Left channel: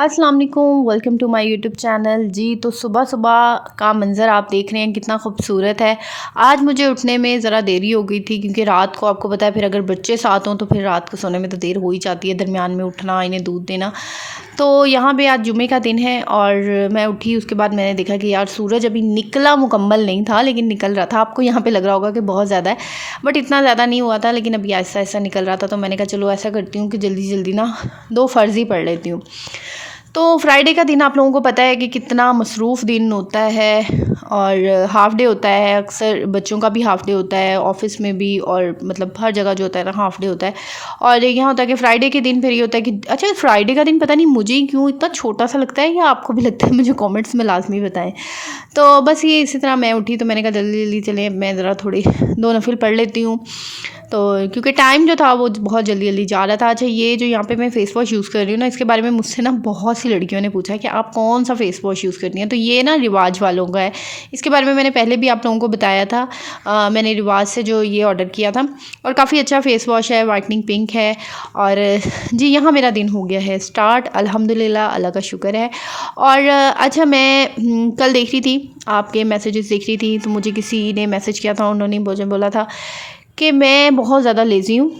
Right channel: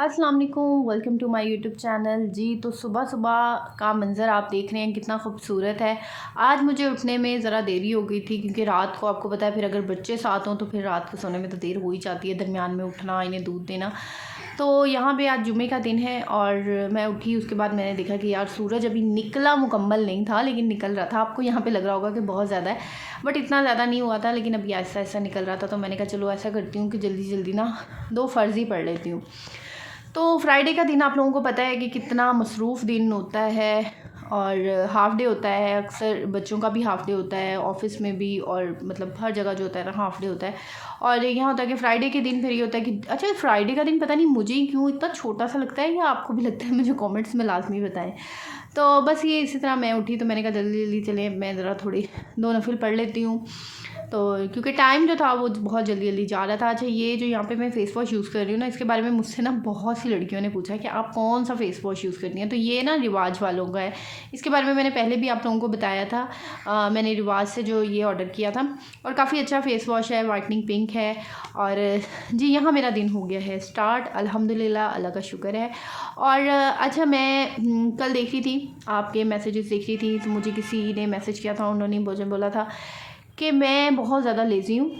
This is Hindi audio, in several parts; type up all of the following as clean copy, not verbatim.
अस्सलाम वालेकुम, welcome to my YouTube channel. जी तो सुबह सुबह का मंज़र आप देख रहे हैं कितना खूबसूरत है। आज मुझे उठने में ज़रा देरी हो गई थी क्योंकि रात को आपको पता है फिर अगर बच्चे साथ हों तो फिर रात को सोने में तो देर हो ही जाती है, दरमियान में उठना, इन्हें दूध देना। तो यहाँ पे आज जुमे का दिन है और मैं उठी, उसके बाद मैंने देखा कि यार सूरज अभी निकला मुकम्मल नहीं था लेकिन निकल रहा था। आपको यहाँ पे लग रहा होगा कि बहुत ज़्यादा है, बट इतना ज़्यादा नहीं हुआ था, लेकिन अभी ऐसा ऐसा निकल रहा था। तो मैंने कहा चलो ऐसा करती हूँ कि जल्दी जल्दी ना 2 फ़र्ज़ ही पढ़ लेती हूँ। तो फ्राइडे का दिन आप लोगों को पता है कि कितना मसरूफ़ दिन होता है और हाफ़ डे होता है। अक्सर बच्चों का भी हाफ़ डे होता है, ऑफ़िस में भी, और मतलब हर जगह जो होता है ना हाफ़ डे होता है। और यहाँ होता है कि फ्राइडे के दिन फिर ये होता है कि अच्छा, फ्राइडे का दिन पता नहीं मुझे ही क्यों इतना छोटा सा लगता है, या आपको भी लगता है, मुझे कमेंट्स में लाजमी बताएं। तो बस ये इसी तरह मैं उठी तो मैंने कहा जल्दी जल्दी चले मैं ज़रा थोड़ी 2 नफिल पढ़ लेती हूँ। तो क्योंकि टाइम जो था वो बहुत जल्दी जल्दी जा रहा था। अच्छा, ये जो यहाँ पे मैं फ़ेस वॉश यूज़ कर रही हूँ ना, इसके बारे में मुझसे ना बहुत सी लड़कियों ने पूछा है कि आप कौन सा फ़ेस वॉश यूज़ करती हैं। तो ये ना रिवाज वालों का है, इसके बारे में मैंने पहले भी आप लोगों को बताया था। मैंने रिवाज से जो ये ऑर्डर किया था और काफ़ी अच्छा फ़ेस वॉश है, वाइटनिंग पिंक है। और जी यहाँ मेरा दिन हो गया है स्टार्ट, अल्हम्दुलिल्लाह, अल्लाह का शुक्र है। और अच्छा, मैं कल देख रही थी आपके मैसेजेस देख रही थी, तो मुझे किसी ने मैसेज किया था, उन्होंने मुझे बोला था कि मैं बहुत ज़्यादा लेज़ी हूँ,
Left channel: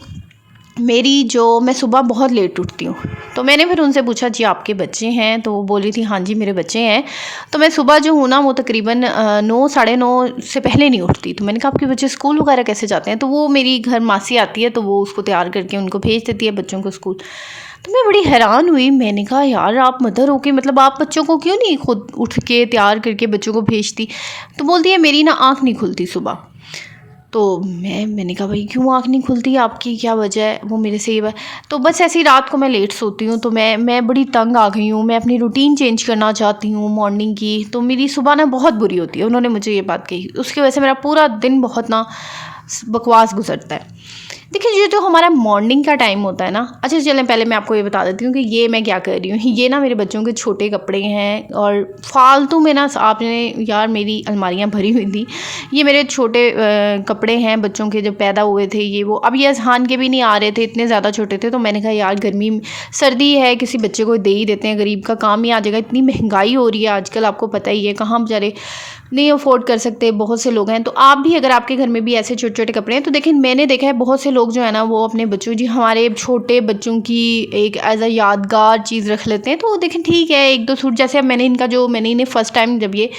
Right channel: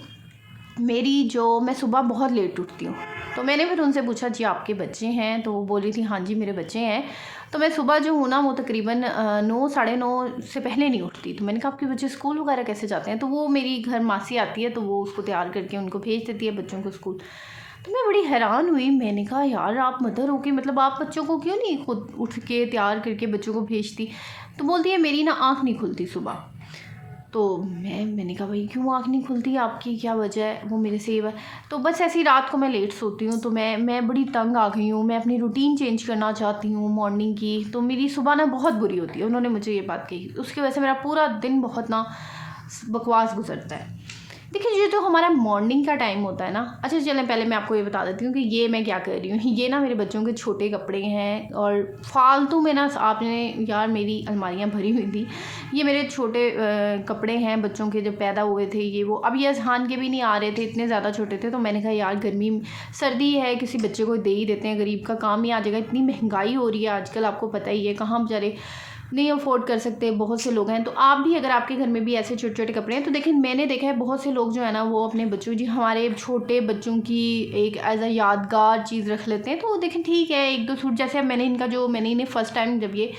मैं सुबह बहुत लेट उठती हूँ। तो मैंने फिर उनसे पूछा जी आपके बच्चे हैं, तो वो बोल रही थी हाँ जी मेरे बच्चे हैं। तो मैं सुबह जो हूँ ना वो तकरीबन 9 साढ़े 9 से पहले नहीं उठती। तो मैंने कहा आपके बच्चे स्कूल वगैरह कैसे जाते हैं? तो वो मेरी घर मासी आती है तो वो उसको तैयार करके उनको भेज देती है बच्चों को स्कूल। तो मैं बड़ी हैरान हुई, मैंने कहा यार आप मदर हो के मतलब आप बच्चों को क्यों नहीं खुद उठ के तैयार करके बच्चों को भेजती? तो बोलती है मेरी ना आँख नहीं खुलती सुबह। तो मैंने कहा भाई क्यों आँख नहीं खुलती, आपकी क्या वजह है? वो मेरे से ये तो बस ऐसी रात को मैं लेट सोती हूँ, तो मैं बड़ी तंग आ गई हूँ, मैं अपनी रूटीन चेंज करना चाहती हूँ मॉर्निंग की। तो मेरी सुबह ना बहुत बुरी होती है, उन्होंने मुझे ये बात कही, उसकी वजह से मेरा पूरा दिन बहुत ना बकवास गुजरता है। देखिए ये जो हमारा मॉर्निंग का टाइम होता है ना, अच्छा चलें पहले मैं आपको ये बता देती हूँ कि ये मैं क्या कर रही हूँ। ये ना मेरे बच्चों के छोटे कपड़े हैं और फालतू में ना आपने यार मेरी अलमारियाँ भरी हुई थी। ये मेरे छोटे कपड़े हैं बच्चों के, जो पैदा हुए थे ये वो, अब ये अजहान के भी नहीं आ रहे थे, इतने ज़्यादा छोटे थे। तो मैंने कहा यार गर्मी सर्दी है, किसी बच्चे को दे ही देते हैं, गरीब का काम ही आ जाएगा। इतनी महंगाई हो रही है आजकल, आपको पता ही है, कहाँ बेचारे नहीं अफोर्ड कर सकते, बहुत से लोग हैं। तो आप भी अगर आपके घर में भी ऐसे छोटे छोटे कपड़े हैं तो देखिए मैंने देखा है बहुत से लोग जो है ना वो अपने बच्चों जी हमारे छोटे बच्चों की एक एज अ यादगार चीज़ रख लेते हैं। तो देखें ठीक है, 1-2 सूट, जैसे अब मैंने इन्हें फ़र्स्ट टाइम जब ये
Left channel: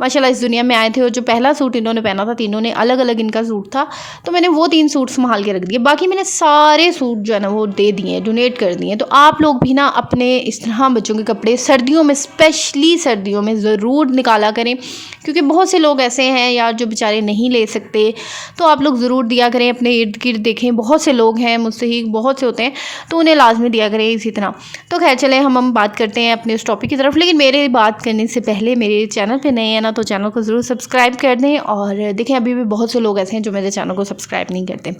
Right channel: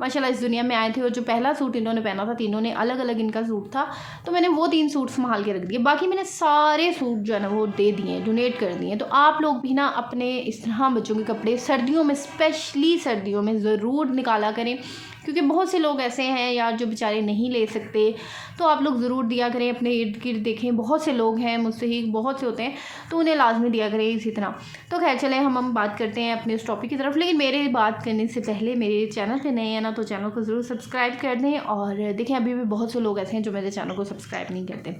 माशाल्लाह इस दुनिया में आए थे और जो पहला सूट इन्होंने पहना था, तीनों ने अलग अलग इनका सूट था, तो मैंने वो 3 सूट संभाल के रख दिए। बाकी मैंने सारे सूट जो है ना वो दे दिए, डोनेट कर दिए। तो आप लोग भी ना अपने इस तरह बच्चों के कपड़े सर्दियों में, स्पेशली सर्दियों में ज़रूर निकाला करें, क्योंकि बहुत से लोग ऐसे हैं यार जो बेचारे नहीं ले सकते। तो आप लोग ज़रूर दिया करें, अपने इर्द गिर्द देखें बहुत से लोग हैं, मुझसे ही बहुत से होते हैं, तो उन्हें लाजमी दिया करें इसी तरह। तो खैर चलें हम बात करते हैं अपने उस टॉपिक की तरफ। लेकिन मेरे बात करने से पहले मेरे चैनल पे नए हैं ना, तो चैनल को ज़रूर सब्सक्राइब कर दें। और देखें अभी भी बहुत से लोग ऐसे हैं जो मेरे चैनल को सब्सक्राइब नहीं करते।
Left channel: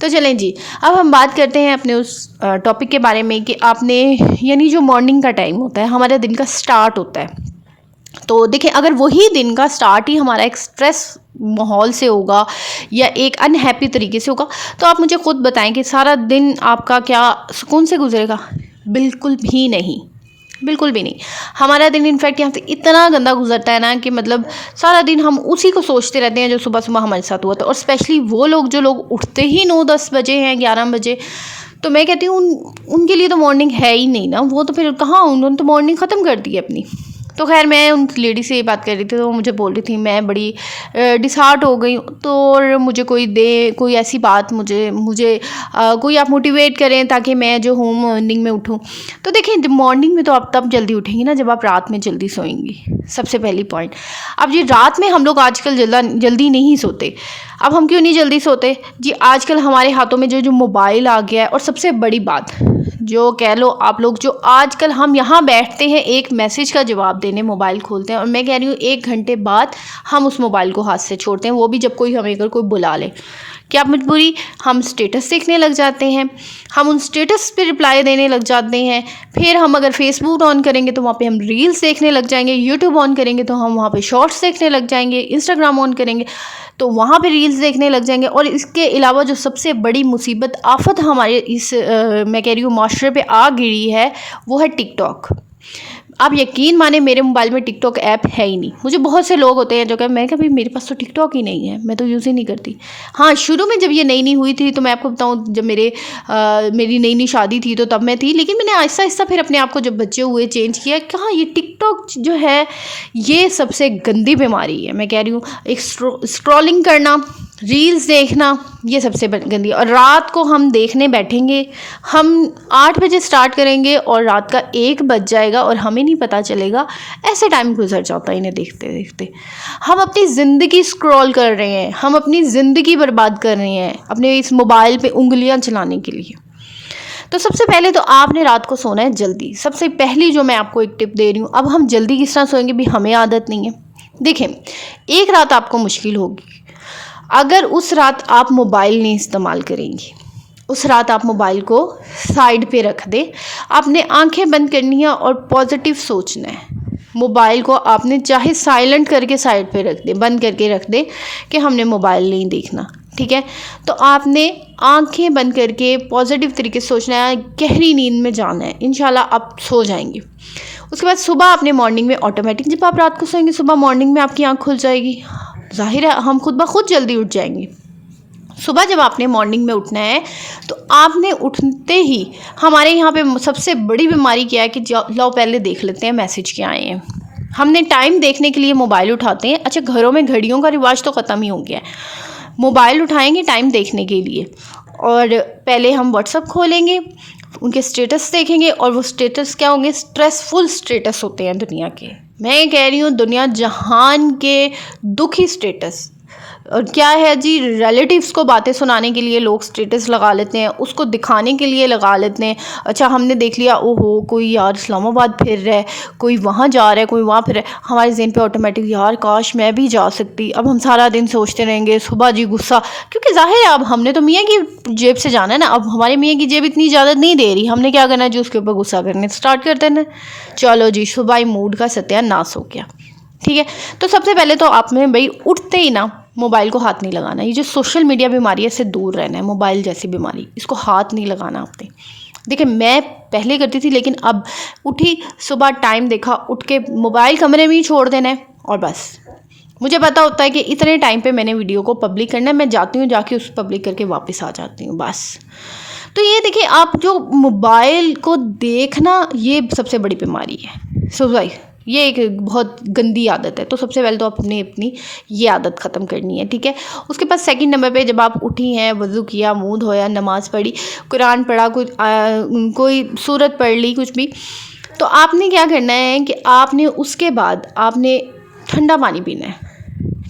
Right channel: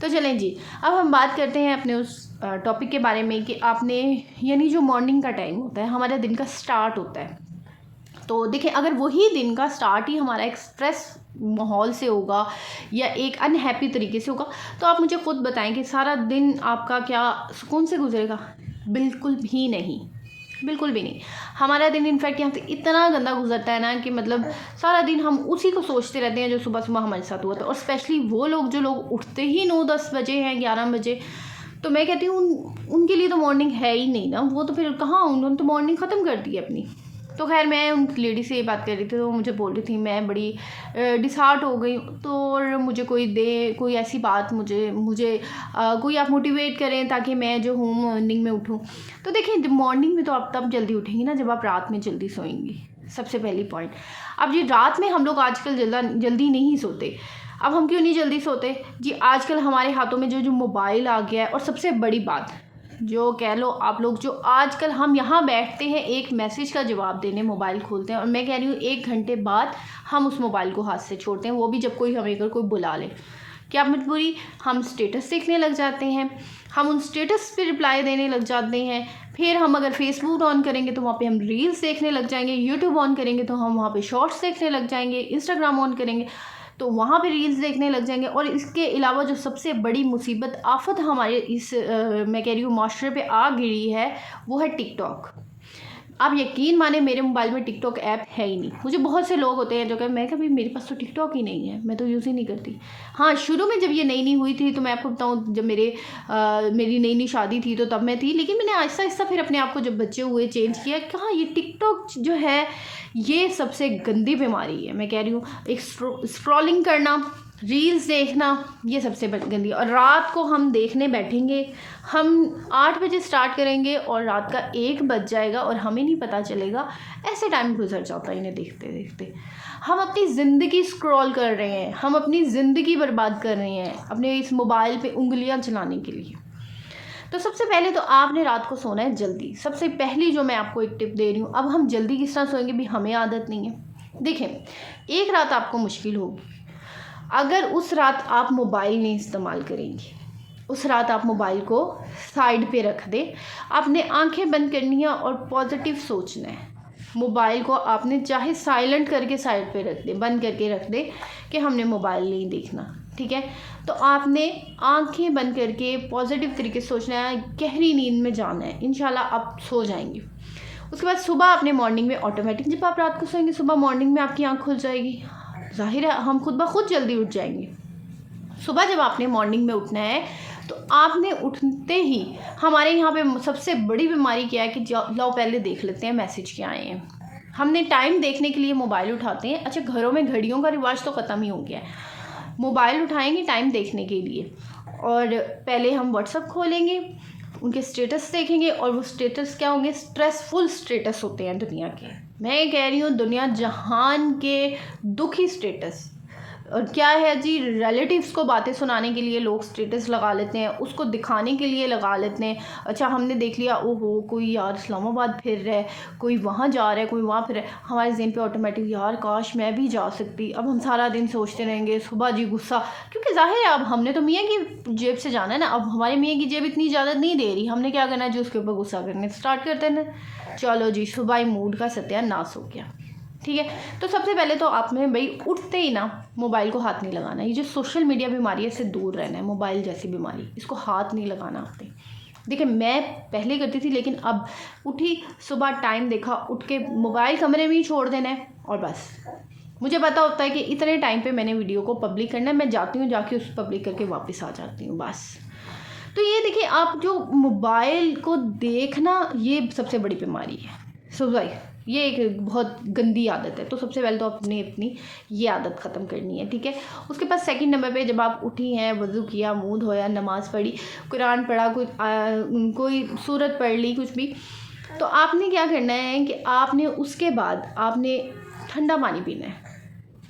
तो चलें जी, अब हम बात करते हैं अपने उस टॉपिक के बारे में कि आपने, यानी जो मॉर्निंग का टाइम होता है, हमारे दिन का स्टार्ट होता है। तो देखिए अगर वही दिन का स्टार्ट ही हमारा एक स्ट्रेस माहौल से होगा या एक अनहैप्पी तरीके से होगा, तो आप मुझे खुद बताएं कि सारा दिन आपका क्या सुकून से गुजरेगा? बिल्कुल भी नहीं, बिल्कुल भी नहीं। हमारा दिन इनफैक्ट यहाँ से इतना गंदा गुजरता है ना कि मतलब सारा दिन हम उसी को सोचते रहते हैं जो सुबह सुबह हमारे साथ हुआ था। और स्पेशली वो लोग जो लोग उठते ही 9-10 बजे हैं, 11 बजे, तो मैं कहती हूँ उनके लिए तो मॉर्निंम है ही नहीं ना। वो तो फिर कहाँ, उन्होंने तो मॉर्निंग ख़त्म कर दी है अपनी। तो खैर मैं उन लेडी से ये बात कर रही थी, तो वो मुझे बोल रही थी मैं बड़ी डिसहार्ट हो गई। तो और मुझे कोई ऐसी बात मुझे कोई आप मोटिवेट करें ताकि मैं जो हूँ मॉर्निंग में उठूँ। तो देखिए मॉर्निंग में तो आप तब जल्दी उठेंगी ना जब आप रात में जल्दी सोएंगी, सबसे पहली पॉइंट। अब ये रात में हम लोग आजकल जल्दी नहीं सोते। अब हम क्यों नहीं जल्दी सोते जी? आजकल हमारे हाथों में जो मोबाइल आ गया है, और सबसे बड़ी बात जो कह लो आप लोग, जो आजकल हम यहाँ बैठते हैं एक मैसेज का जवाब देने, मोबाइल खोलते हैं, और मैं कह रही हूँ 1 घंटे बाद हम उस मोबाइल को हाथ से छोड़ते हैं, वो भी जब कोई हमें अगर कोई बुला ले। क्या मजबूरी, हम स्टेटस देखने लग जाते हैं, हम उन स्टेटस पे रिप्लाई देने लग जाते हैं। फिर हम अगर फेसबुक ऑन करेंगे तो वहाँ पे हम रील्स देखने लग जाएंगे, यूट्यूब ऑन करेंगे तो हम वहाँ पे शॉर्ट्स देखने लग जाएंगे, इंस्टाग्राम ऑन करेंगे तो वहाँ पे रील्स देखने लग जाएंगे। और इसके अलावा जो सबसे बड़ी मुसीबत आफत हमारे इस मैं कह रही हूँ माशरे पे आ गिरी है, वो है टिकटॉक। आप यकीन माने मेरे मोबाइल में टिकटॉक ऐप है ही नहीं। मुझे बहुत से लोग होते हैं जो मैं कभी मेरे पास तो टिकटॉक ही नहीं है, मैं तो यूज़ ही नहीं करती। हाँ, शुरू में जब ये नई नई हुई थी तो मैं आपको बताऊँ, जब मेरी नई नई शादी थी तो तब मैं थी, लेकिन मैंने आहिस्ता आहिस्ता फिर अपने आप को जब बच्चे हुए चेंज किया। कहाँ ये टिकटॉक जो है ये सबसे गंदी बीमारी है, मैं कह रही हूँ। एक स्क्रॉलिंग करना, रील्स देखना, ये सबसे गंदी। और रात को हम देखने बैठेंगे, हम 8 बजे स्टार्ट करेंगे और रात का 1 बज जाएगा और हमें नहीं पता चलेगा, ऐसे टाइम गुजर जाता है इन्हें देखते देखते। हम अपनी ज़िंदगी स्क्रॉल कर रहे हैं, हम अपनी ज़िंदगी बर्बाद कर रहे हैं अपने इस मोबाइल पे उंगलियां चलाने के लिए। तो सबसे पहले तो आपने रात को सोना है जल्दी। सबसे पहली जो मैं आपको एक टिप दे रही हूँ, अब हम जल्दी किस तरह सोएंगे भी हमें आदत नहीं है। देखें, एक रात आपको मुश्किल होगी अगर उस रात आप मोबाइल नहीं इस्तेमाल करेंगी। उस रात आप मोबाइल को साइड पे रख दें, आपने आंखें बंद करनी है और पॉजिटिव सोचना है। मोबाइल को आपने चाहे साइलेंट करके साइड पे रख दें, बंद करके रख दें कि हमने मोबाइल नहीं देखना, ठीक है। तो आपने आंखें बंद करके पॉजिटिव तरीके से सोचना है, गहरी नींद में जाना है, इंशाल्लाह आप सो जाएंगे। उसके बाद सुबह आपने मॉर्निंग में ऑटोमेटिक, जब आप रात को सोएंगे सुबह मॉर्निंग में आपकी आँख खुल जाएगी, जाहिर है हम खुद ब खुद जल्दी उठ जाएंगे। सुबह जब आपने मॉर्निंग में उठना है तो आपने उठते ही, हमारे यहाँ पे सबसे बड़ी बीमारी क्या है कि लो पहले देख लेते हैं मैसेज क्या आए हैं। हमने टाइम देखने के लिए मोबाइल उठाते हैं। अच्छा, घरों में घड़ियों का रिवाज तो ख़त्म ही हो गया है, मोबाइल उठाएंगे टाइम देखने के लिए। और पहले हम व्हाट्सअप खोलेंगे, उनके स्टेटस देखेंगे, और वो स्टेटस क्या होंगे, स्ट्रेसफुल स्टेटस होते हैं दुनिया के। मैं कह रही हूँ दुनिया जहान के दुखी स्टेटस। और क्या है जी, रिलेटिव्स को बातें सुनाने के लिए लोग स्टेटस लगा लेते हैं, उसको दिखाने के लिए लगा लेते हैं। अच्छा, हमने देख लिया, ओहो कोई यार इस्लामाबाद फिर रहा है, कोई वहाँ जा रहा है, कोई वहाँ फिर रहा है, हमारे ज़हन पे ऑटोमेटिक यार काश मैं भी जा सकती। अब हम सारा दिन सोचते रहेंगे, सुबह जी गुस्सा, क्योंकि जाहिर है अब हमने तो मियाँ की जेब से जाना है ना। अब हमारे मियाँ की जेब इतनी इजाज़त नहीं दे रही, हमने क्या करना है जी, उसके ऊपर गुस्सा करने स्टार्ट करते हैं। चलो जी, सुबह ही मूड का सत्यानाश हो गया, ठीक है। तो सबसे पहले तो आपने भाई उठते ही ना मोबाइल को हाथ नहीं लगाना। ये जो सोशल मीडिया बीमारी है इससे दूर रहना है, मोबाइल जैसी बीमारी, इसको हाथ नहीं लगाना आपने। देखिए, मैं पहले करती थी, लेकिन अब उठी, सुबह टाइम देखा, उठ के मोबाइल कमरे में ही छोड़ देना है और बस। मुझे पता होता है कि इतने टाइम पे मैंने वीडियो को पब्लिक करना है, मैं जाती हूँ, जाके उस पब्लिक करके वापस आ जाती हूँ, बस। तो ये देखिए, आप जो मोबाइल को देखना, ये सबसे बड़ी बीमारी है। सो भाई ये एक बहुत गंदी आदत है। तो सबसे पहले तो आपने अपनी ये आदत ख़त्म करनी है, ठीक है। उसके बाद सेकंड नंबर पे, जब आप उठी हैं, वज़ू किया, मुँह धोया, नमाज़ पढ़ी, कुरान पढ़ा, कोई सूरत पढ़ ली, कुछ भी, तो आपने क्या करना है कि आपने उसके बाद आपने ठंडा पानी पीना है,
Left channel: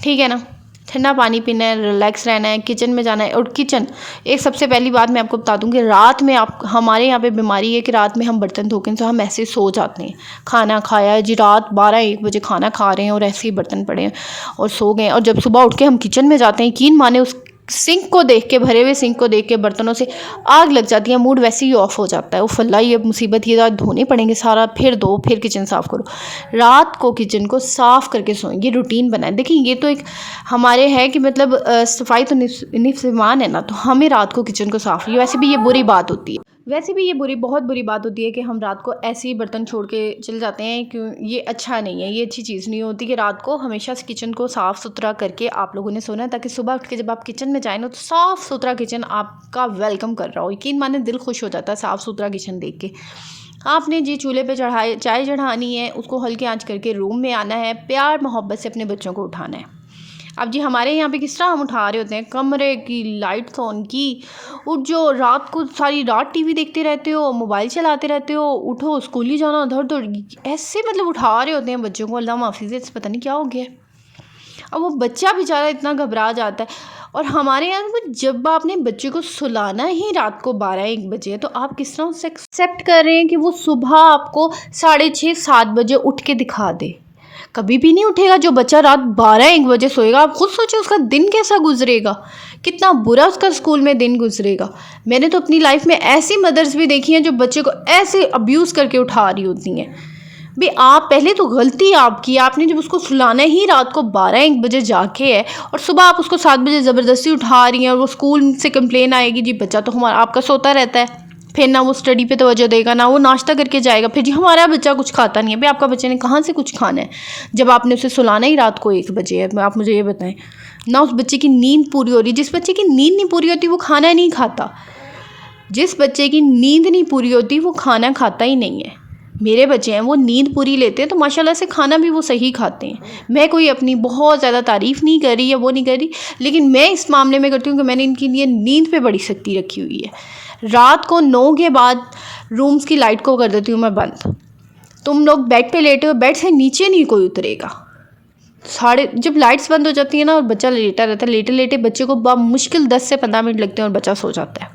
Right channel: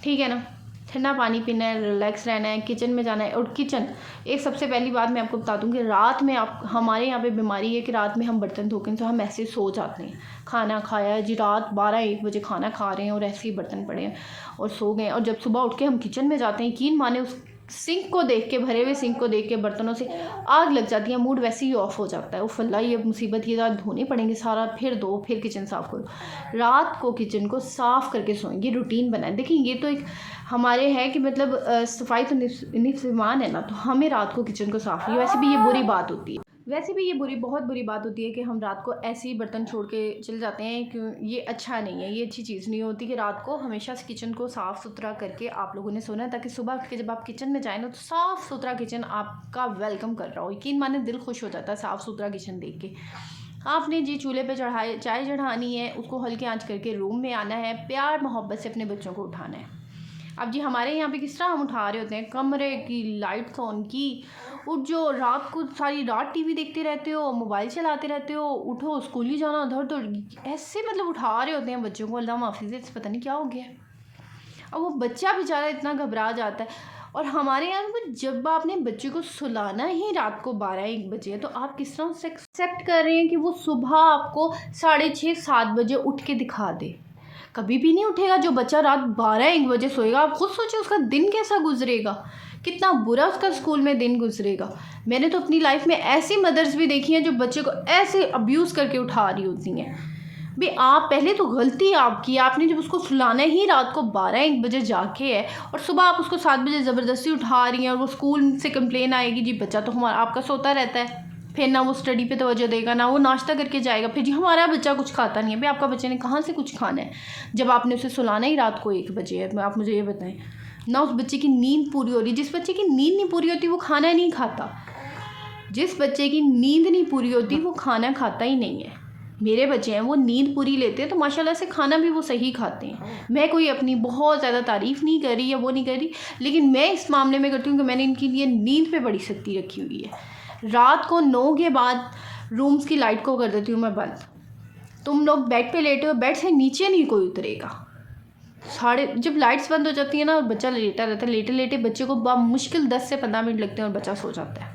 ठीक है ना। ठंडा पानी पीना है, रिलैक्स रहना है, किचन में जाना है। और किचन, एक सबसे पहली बात मैं आपको बता दूं कि रात में हमारे यहाँ पे बीमारी है कि रात में हम बर्तन धोके तो हम ऐसे ही सो जाते हैं। खाना खाया जी, रात 12-1 बजे खाना खा रहे हैं और ऐसे ही बर्तन पड़े हैं और सो गए। और जब सुबह उठ के हम किचन में जाते हैं, यकीन माने उस सिंक को देख के, भरे हुए सिंक को देख के बर्तनों से आग लग जाती है, मूड वैसे ही ऑफ हो जाता है। वो फल्ला, ये मुसीबत, ये धोने पड़ेंगे सारा, फिर दो, फिर किचन साफ़ करो। रात को किचन को साफ़ करके सोएं, ये रूटीन बनाए। देखिए, ये तो एक हमारे है कि मतलब सफाई तो निफ़ ईमान है ना, तो हमें रात को किचन को साफ़, ये वैसे भी ये बुरी बात होती है। वैसे भी ये बहुत बुरी बात होती है कि हम रात को ऐसे ही बर्तन छोड़ के चले जाते हैं, क्यों, ये अच्छा नहीं है, ये अच्छी चीज़ नहीं होती कि रात को हमेशा से किचन को साफ़ सुथरा करके आप लोगों ने सोना है, ताकि सुबह उठ के जब आप किचन में जाए ना, तो साफ़ सुथरा किचन आपका वेलकम कर रहा हो। यकीन माने दिल खुश हो जाता है साफ़ सुथरा किचन देख के। आपने जी चूल्हे पे चाय चढ़ानी है, उसको हल्की आंच करके रूम में आना है, प्यार मोहब्बत से अपने बच्चों को उठाना है। अब जी हमारे यहाँ पे किस तरह हम उठा रहे होते हैं, कमरे की लाइट्स ऑन की, उठ जो रात को सारी रात टीवी देखते रहते हो, मोबाइल चलाते रहते हो, उठो स्कूल ही जाना, उधर तो ऐसे मतलब उठा रहे होते हैं बच्चों को। अल्लाह माफ़ी से पता नहीं क्या हो गया। अब वो बच्चा बेचारा इतना घबरा जाता है। और हमारे यहाँ जब आपने बच्चे को सुलाना ही रात को 12-1 बजे, तो आप किस तरह उससे एक्सेप्ट कर रहे हैं कि वो सुबह आपको 6:30-7 बजे उठ के दिखा दे। कभी भी नहीं उठेगा जो बच्चा रात 12-1 बजे सोएगा। आप खुद सोचिए उसका दिन कैसा गुजरेगा, कितना बुरा उसका स्कूल में दिन गुजरेगा। मैंने तो अपनी लाइफ में ऐसी मदर्स भी देखी हैं जो बच्चे को ऐसे अब्यूज़ करके उठा रही होती हैं। भाई आप पहले तो गलती आपकी, आपने जब उसको सुलाना ही रात को 12-1 बजे जाके है, और सुबह आप उसको 7 बजे ज़बरदस्ती उठा रही हैं, और वो स्कूल से कंप्लेन आएगी जी बच्चा तो हमारा आपका सोता रहता है। फिर ना वो स्टडी पे तवज्जो देगा, ना वो नाश्ता करके जाएगा। फिर जी हमारा बच्चा कुछ खाता नहीं है, भाई आपका बच्चे ने कहाँ से कुछ खाना है जब आपने उसे सुलाना ही रात को 1 बजे है। आप मुझे ये बताएं ना, उस बच्चे की नींद पूरी हो रही। जिस बच्चे की नींद नहीं पूरी होती वो खाना नहीं खाता। जिस बच्चे की नींद नहीं पूरी होती वो खाना खाता ही नहीं है। मेरे बच्चे हैं वो नींद पूरी लेते हैं तो माशाल्लाह से खाना भी वो सही खाते हैं। मैं कोई अपनी बहुत ज़्यादा तारीफ़ नहीं कर रही या वो नहीं कर रही, लेकिन मैं इस मामले में करती हूँ कि मैंने इनके लिए नींद पे बड़ी सख्ती रखी हुई है। रात को 9 के बाद रूम्स की लाइट को कर देती हूँ मैं बंद। तुम लोग बेड पे लेटे हो, बेड से नीचे नहीं कोई उतरेगा। जब लाइट्स बंद हो जाती है ना और बच्चा लेटा रहता है, लेटे लेटे बच्चे को मुश्किल 10 से 15 मिनट लगते हैं और बच्चा सो जाता है।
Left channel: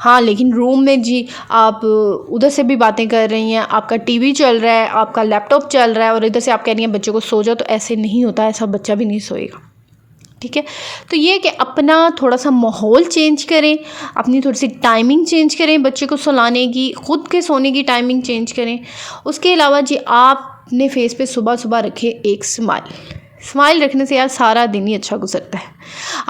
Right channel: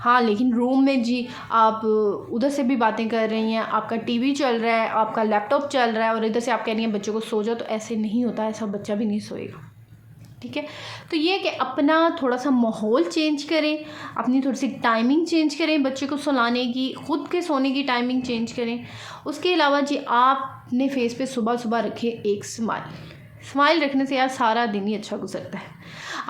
हाँ, लेकिन रूम में जी आप उधर से भी बातें कर रही हैं, आपका टीवी चल रहा है, आपका लैपटॉप चल रहा है और इधर से आप कह रही हैं बच्चे को सो जाओ, तो ऐसे नहीं होता, ऐसा बच्चा भी नहीं सोएगा। ठीक है, तो ये कि अपना थोड़ा सा माहौल चेंज करें, अपनी थोड़ी सी टाइमिंग चेंज करें, बच्चे को सुलाने की, ख़ुद के सोने की टाइमिंग चेंज करें। उसके अलावा जी आप अपने फेस पे सुबह सुबह रखें एक स्माइल रखने से यार सारा दिन ही अच्छा गुजरता है।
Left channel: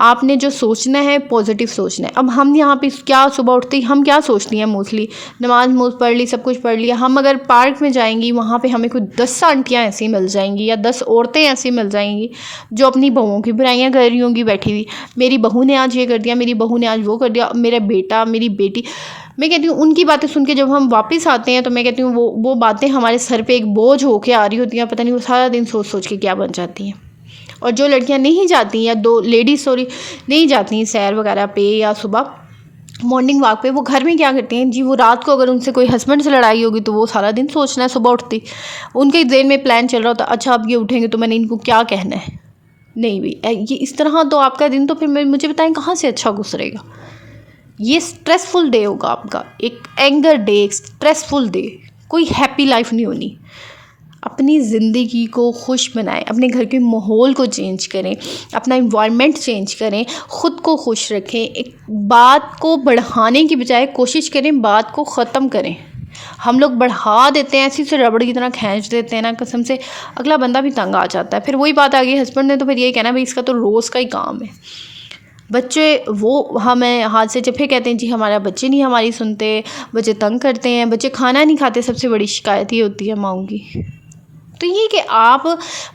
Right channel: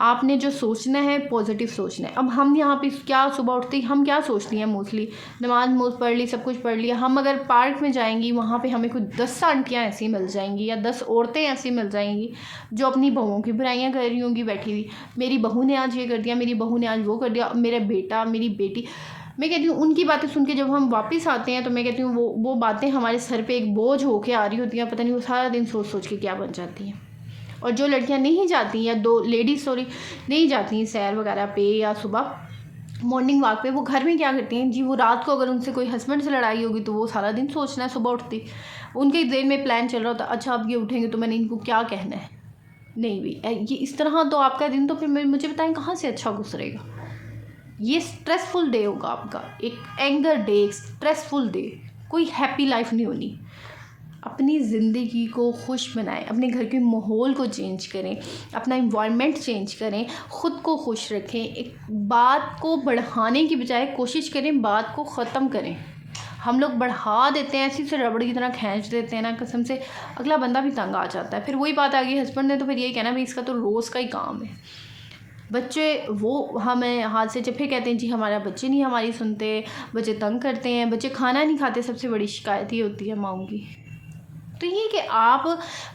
आपने जो सोचना है पॉजिटिव सोचना है। अब हम यहाँ पे क्या सुबह उठते ही हम क्या सोचती हैं, मोस्टली नमाज पढ़ ली, सब कुछ पढ़ लिया। हम अगर पार्क में जाएंगी वहाँ पे हमें कोई 10 आंटियाँ ऐसी मिल जाएंगी या 10 औरतें ऐसी मिल जाएंगी जो अपनी बहुओं की बुराइयाँ कर रही होंगी बैठी हुई। मेरी बहू ने आज ये कर दिया, मेरी बहू ने आज वो कर दिया, मेरा बेटा, मेरी बेटी। मैं कहती हूँ उनकी बातें सुन के जब हम वापस आते हैं तो मैं कहती हूँ वो बातें हमारे सर पे एक बोझ होके आ रही होती हैं। पता नहीं वो सारा दिन सोच सोच के क्या बन जाती हैं। और जो लड़कियां नहीं जाती या लेडीज़ नहीं जाती सैर वगैरह पे या सुबह मॉर्निंग वॉक पे, वो घर में क्या करती हैं जी, वो रात को अगर उनसे कोई हस्बैंड से लड़ाई होगी तो वो सारा दिन सोचना है सुबह उठती उनके जेन में प्लान चल रहा होता, अच्छा अब ये उठेंगे तो मैंने इनको क्या कहना है। नहीं भाई, ये इस तरह तो आपका दिन तो फिर मुझे बताएं कहाँ से अच्छा गुजरेगा। ये स्ट्रेसफुल डे होगा आपका, एक एंगर डे, एक स्ट्रेसफुल डे, कोई हैप्पी लाइफ नहीं होनी। अपनी ज़िंदगी को खुश बनाएं, अपने घर के माहौल को चेंज करें, अपना इन्वायरमेंट चेंज करें, ख़ुद को खुश रखें। एक बात को बढ़ाने की बजाय कोशिश करें बात को ख़त्म करें। हम लोग बढ़ा देते हैं, ऐसी से रबड़ की तरह खींच देते हैं ना, कसम से अगला बंदा भी तंग आ जाता है। फिर वही बात आ गई हस्बैंड ने तो फिर ये कहना भाई इसका तो रोज़ का ही काम है। बच्चे वो हमें हाथ से जब फिर कहते हैं जी हमारा बच्चे नहीं हमारी सुनते, बच्चे तंग करते हैं, बच्चे खाना नहीं खाते, सबसे बड़ी शिकायत ये होती है माँओं की। तो ये कि आप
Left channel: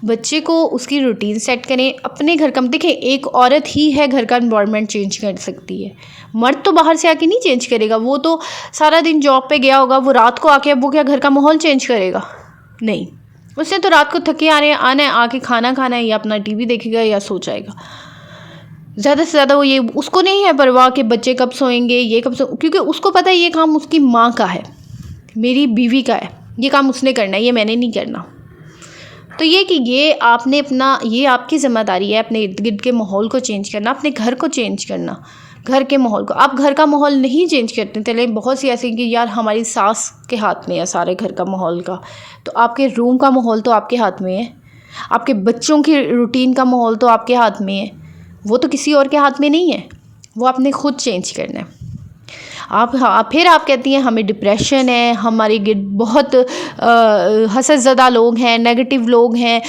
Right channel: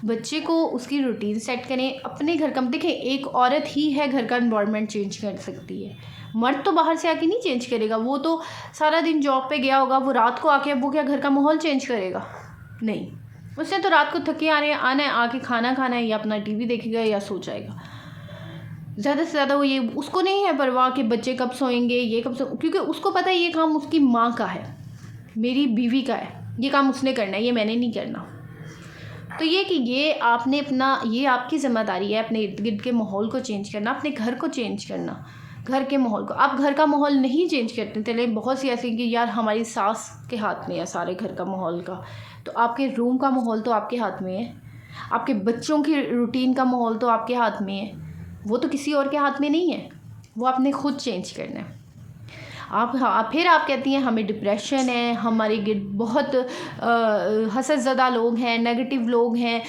बच्चे को उसकी रूटीन सेट करें, अपने घर का देखें, एक औरत ही है घर का एनवायरनमेंट चेंज कर सकती है। मर्द तो बाहर से आके नहीं चेंज करेगा, वो तो सारा दिन जॉब पे गया होगा, वो रात को आके अब वो क्या घर का माहौल चेंज करेगा? नहीं, उसने तो रात को थके आना है, आके खाना खाना है या अपना टीवी देखेगा या सो जाएगा। ज़्यादा से ज़्यादा वो ये उसको नहीं है परवाह कि बच्चे कब सोएंगे, ये कब क्योंकि उसको पता है ये काम उसकी माँ का है, मेरी बीवी का है, ये काम उसने करना है, ये मैंने नहीं करना। तो ये कि ये आपने अपना, ये आपकी ज़िम्मेदारी है अपने इर्द गिर्द के माहौल को चेंज करना, अपने घर को चेंज करना, घर के माहौल को। आप घर का माहौल नहीं चेंज करते, चले बहुत सी ऐसी कि यार हमारी सास के हाथ में है सारे घर का माहौल का, तो आपके रूम का माहौल तो आपके हाथ में है, आपके बच्चों की रूटीन का माहौल तो आपके हाथ में है, वो तो किसी और के हाथ में नहीं है, वो आपने खुद चेंज करना है। फिर आप कहती हैं हमें डिप्रेशन है, हमारे गिर्द बहुत हसद ज़दा लोग हैं, नेगेटिव लोग हैं,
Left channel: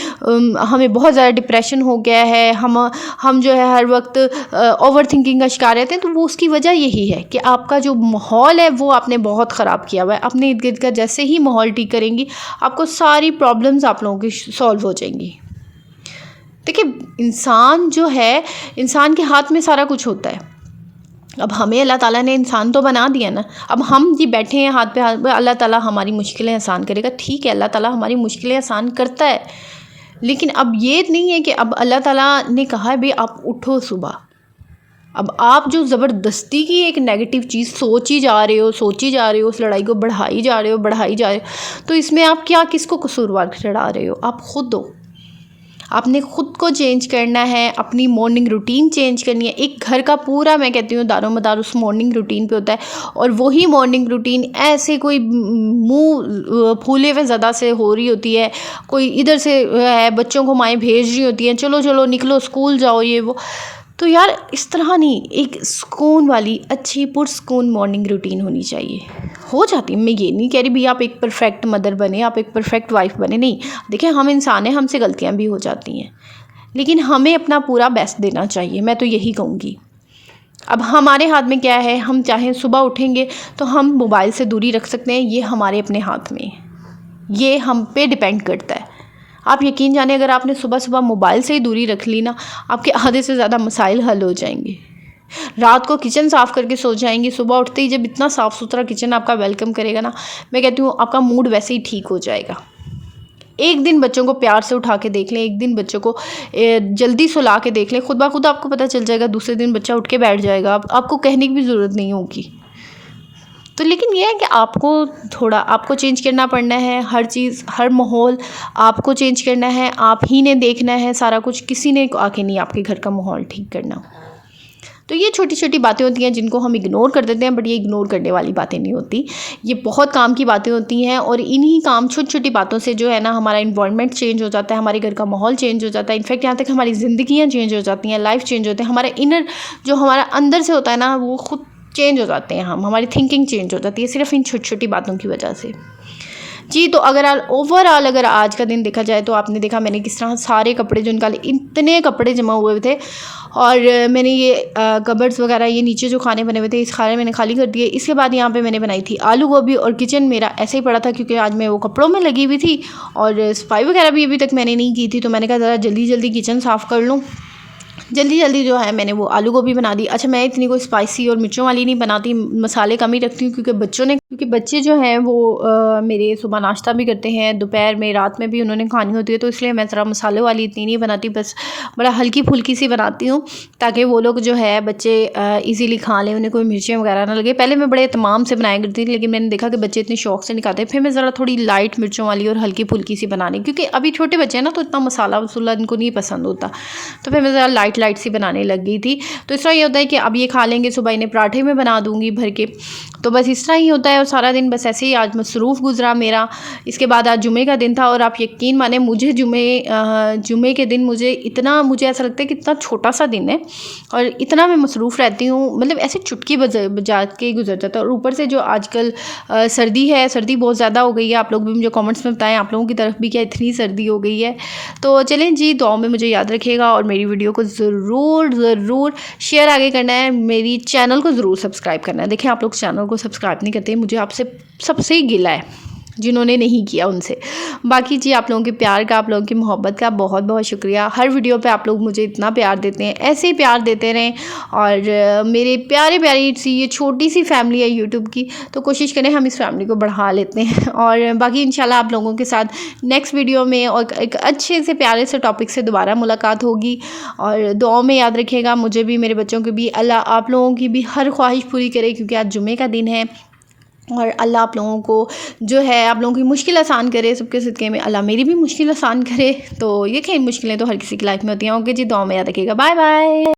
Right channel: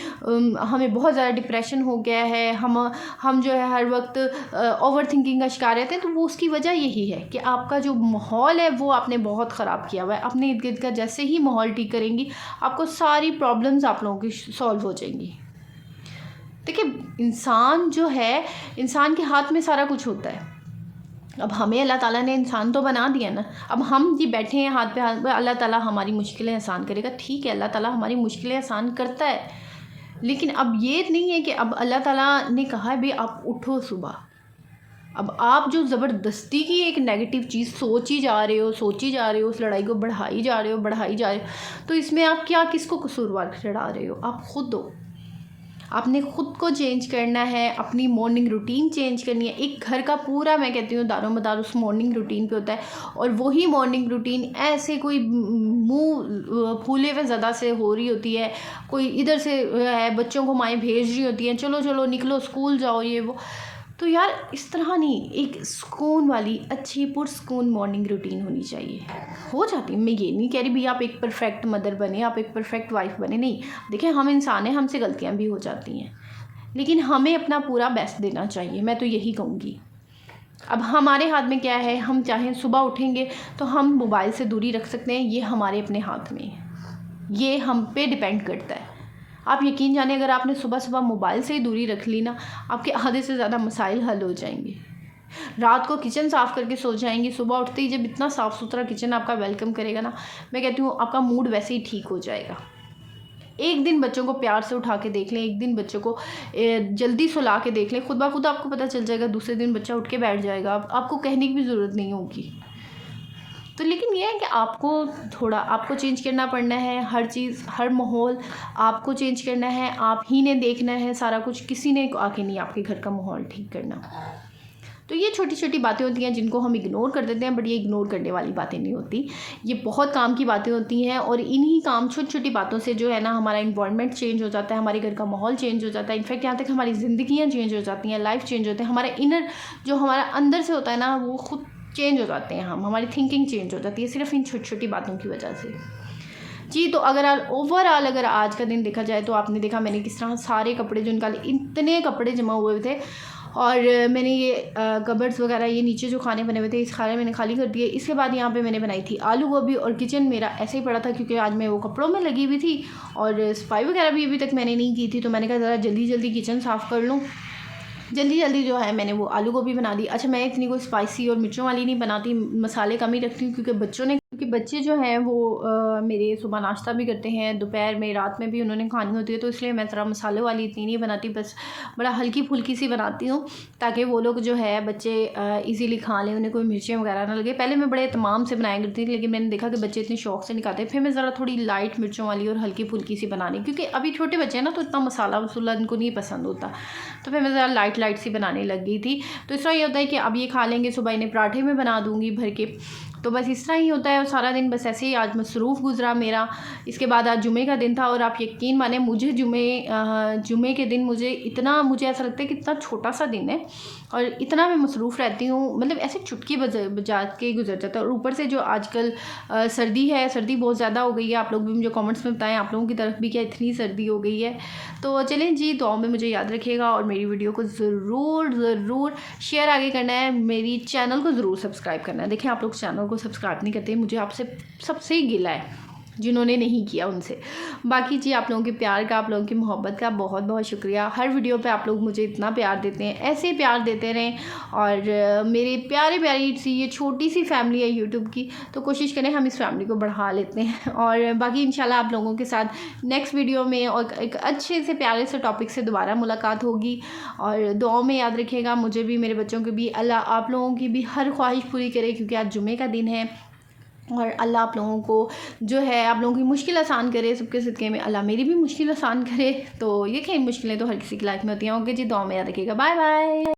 हमें बहुत ज़्यादा डिप्रेशन हो गया है, हम जो है हर वक्त ओवर थिंकिंग का शिकार रहते हैं। तो वो उसकी वजह यही है कि आपका जो माहौल है वो आपने बहुत ख़राब किया हुआ है। अपने इर्द गिर्द का जैसे ही माहौल ठीक करेंगी आपको सारी प्रॉब्लम्स आप लोगों की सॉल्व हो जाएंगी। देखिए, इंसान जो है, इंसान के हाथ में सारा कुछ होता है। अब हमें अल्लाह ताला ने इंसान तो बना दिया ना, अब हम जी बैठे हैं हाथ पे हाथ, अल्लाह ताला हमारी मुश्किलें आसान करेगा, ठीक है, अल्लाह ताला हमारी मुश्किलें आसान करता है, लेकिन अब ये नहीं है कि अब अल्लाह ताला ने कहा है भाई आप उठो सुबह। अब आप जो ज़बरदस्ती की एक नेगेटिव चीज़ सोची जा रहे हो, उस लड़ाई को बढ़ाई जा रहे हो, तो इसमें आप क्या किसको कसूरवार ठहरा रहे हो? आप खुद हो। आपने ख़ुद को चेंज करना है, अपनी मॉर्निंग रूटीन चेंज करनी है। एक घर का पूरा, मैं कहती हूँ, दारोमदार उस मॉर्निंग रूटीन पे होता है, और वही मॉर्निंग रूटीन ऐसे कोई मुंह फूले हुए ज़्यादा से हो रही होती है, कोई इधर से है बच्चों को माएँ भेज रही होती हैं, चलो चलो निकलो स्कूल जाओ ये वो, तो यार इस तरह नहीं, एक सुकून वाली अच्छी पुरसुकून मॉर्निंग रूटीन होनी चाहिए। हो जाती है, मैं ये नहीं कह रही भी आप एक परफेक्ट मदर बने, आप एक परफेक्ट वाइफ बने, नहीं। देखिए, हम इंसान हैं, हमसे गलतियाँ भी हो जाती हैं, लेकिन हमें अपना पूरा बेस्ट देना चाहिए, मैं तो यही कहूँगी। अब हमारे हाथ में क्या है, हम चाहें सुबह उठेंगे तो हम मोबाइल से दूरी रख सकते हैं, ये हमारे अपने हाथ में है, ये हम पे डिपेंड करता है। आप यकीन जाने अगर आपने सुबह सुबह मोबाइल से ही दूरी रख ली ना, आपके आधे से ज़्यादा मसाइल हल हो जाएंगे। रात को किचन साफ़ करके सो जाएंगी, सुबह उठते ही जब इतना साफ़ सुथरा किचन आपका वेलकम करेगा ना, मैं कहती हूँ आपका मूड वैसे ही ठीक हो जाएगा। एक दिन बच्चों को प्यार से उठा के देख लें, एक दिन बच्चों को जल्दी सुला के देख लें, खुद ब खुद आपको पता चल जाएगा, दूसरे दिन बच्चा उठ के बैठ जाएगा, आपको कहने की भी ज़रूरत नहीं होगी। तो लेकिन ये है कि आपको चेंज करना पड़ना है, हर चीज़ हर माहौल आपको चेंज करना है, आप ही ने देखना है सारा कुछ, किसी ने आके नहीं आपके घर का माहौल ठीक करना। तो ये छोटी छोटी बातें होती हैं जिनको हम इग्नोर कर देते हैं, बट ये इग्नोर करने वाली बातें नहीं होती, ये बहुत काम की बातें होती हैं। और इन्हीं काम छोटी छोटी बातों से जो है ना हमारा इन्वायरमेंट चेंज हो जाता है, हमारे घर का माहौल चेंज हो जाता है, इनफैक्ट यहाँ तक हमारी ज़िंदगियाँ चेंज हो जाती हैं, लाइफ चेंज होते हैं, हमारा इनर जो हमारा अंदर से होता है ना वो खुद चेंज हो जाते हैं, हमारी थिंकिंग चेंज हो जाती है सिर्फ इन छोटी छोटी बातों की वजह से। जी, तो ओवरऑल अगर आज का दिन देखा जाए तो आपने देखा मैंने किस तरह सारे कपड़े जो निकाले, इतने कपड़े जमा हुए थे, और मैंने ये कबर्ड्स वगैरह ये नीचे जो खाने बने हुए थे इस खाने मैंने खाली कर दिए। इसके बाद यहाँ पे मैंने बनाई थी आलू गोभी, और किचन मेरा ऐसे ही पड़ा था क्योंकि आज मैं वो कपड़ों में लगी हुई थी और सफाई वगैरह भी अभी तक मैंने नहीं की थी, तो मैंने कहा ज़रा जल्दी जल्दी किचन साफ़ कर लूँ। जल्दी जल्दी जो है मैंने वो आलू गोभी बना दी। अच्छा, मैं इतनी कोई स्पाइसी और मिर्चों वाली नहीं बनाती, मसाले कम ही रखती हूँ क्योंकि बच्चे जो हैं वो मेरे सुबह नाश्ता भी करते हैं, दोपहर में, रात में भी उन्होंने खानी होती है, तो इसलिए मैं ज़रा मसाले वाली इतनी नहीं बनाती, बस बड़ा हल्की फुल्की सी बनाती हूँ ताकि वो लोग जो है बच्चे ईज़िली खा लें, उन्हें कोई मिर्चें वगैरह ना लगे। पहले मैं बड़े एहतमाम से बनाया करती थी, लेकिन मैंने देखा कि बच्चे इतने शौक से नहीं खाते, फिर मैं ज़रा थोड़ी लाइट मिर्चों वाली और हल्की फुल्की सी बनानी, क्योंकि अभी छोटे बच्चे हैं ना तो इतना मसाला वसूला इनको नहीं पसंद होता, तो फिर मैं ज़रा लाइट सी बनाने लग गई थी। तो इस तरह ये होता है कि अब ये खा लेंगे, सुबह इन्हें पराठे में बना दूँगी भर के, तो बस इस तरह ही होता है। और सारा दिन बस ऐसे ही आज मसरूफ़ गुजरा मेरा। इसके बाद आज जुमे का दिन था, और आप यकीन माने मुझे जुमे के दिन मुझे ऐसा लगता है कि इतना छोटा सा दिन है और इतना मैं मसरूफ़ रहती हूँ, मतलब ऐसे चुटकी बजा के गुजर जाता है। और ऊपर से जो आजकल सर्दी है, सर्दी बहुत ज़्यादा हो गई है। आप लोग भी मुझे कमेंट्स में बताएं आप लोगों की तरफ भी क्या इतनी सर्दी हो गई है। तो चलें जी, दुआ में मुझे याद रखिएगा और मेरी वीडियो को ज़रूर शेयर आगे करना है, मेरी चैनल को ज़रूर सब्सक्राइब करना है। देखिए, आप लोग चैनल को सब्सक्राइब नहीं करते, मुझे आपसे सबसे ही गिला है, जिन्होंने नहीं किया उनसे। बाकी जी, आप लोगों के प्यार का, आप लोगों की मोहब्बत का बहुत बहुत शुक्रिया। हर वीडियो पे आप लोग मुझे इतना प्यार देते हैं, ऐसे ही प्यार देते रहें। और मेरे प्यारी सी ये छोटी सी फैमिली है यूट्यूब की, तो कोशिश करें हम इस फैमिली को बढ़ा लेते हैं। और बाकी इंशाल्लाह आप लोगों के साथ नेक्स्ट वीडियो में और एक अच्छे से प्यारे से टॉपिक से दोबारा मुलाकात होगी। और दुआ में याद रखिएगा, मुझे भी, मेरे बच्चों को भी, अल्लाह आप लोगों की भी हर ख्वाहिश पूरी करे, क्योंकि आज जुमे का दिन है। और अल्लाह आप लोगों को जो है आप लोगों की मुश्किल आसान करे, सबके सदक़े में अल्लाह मेरी भी मुश्किल आसान करे। तो ये क्या, मुश्किलें तो हर किसी की लाइफ में होती हैं। ओके जी, दुआ में याद रखिएगा। Bye bye.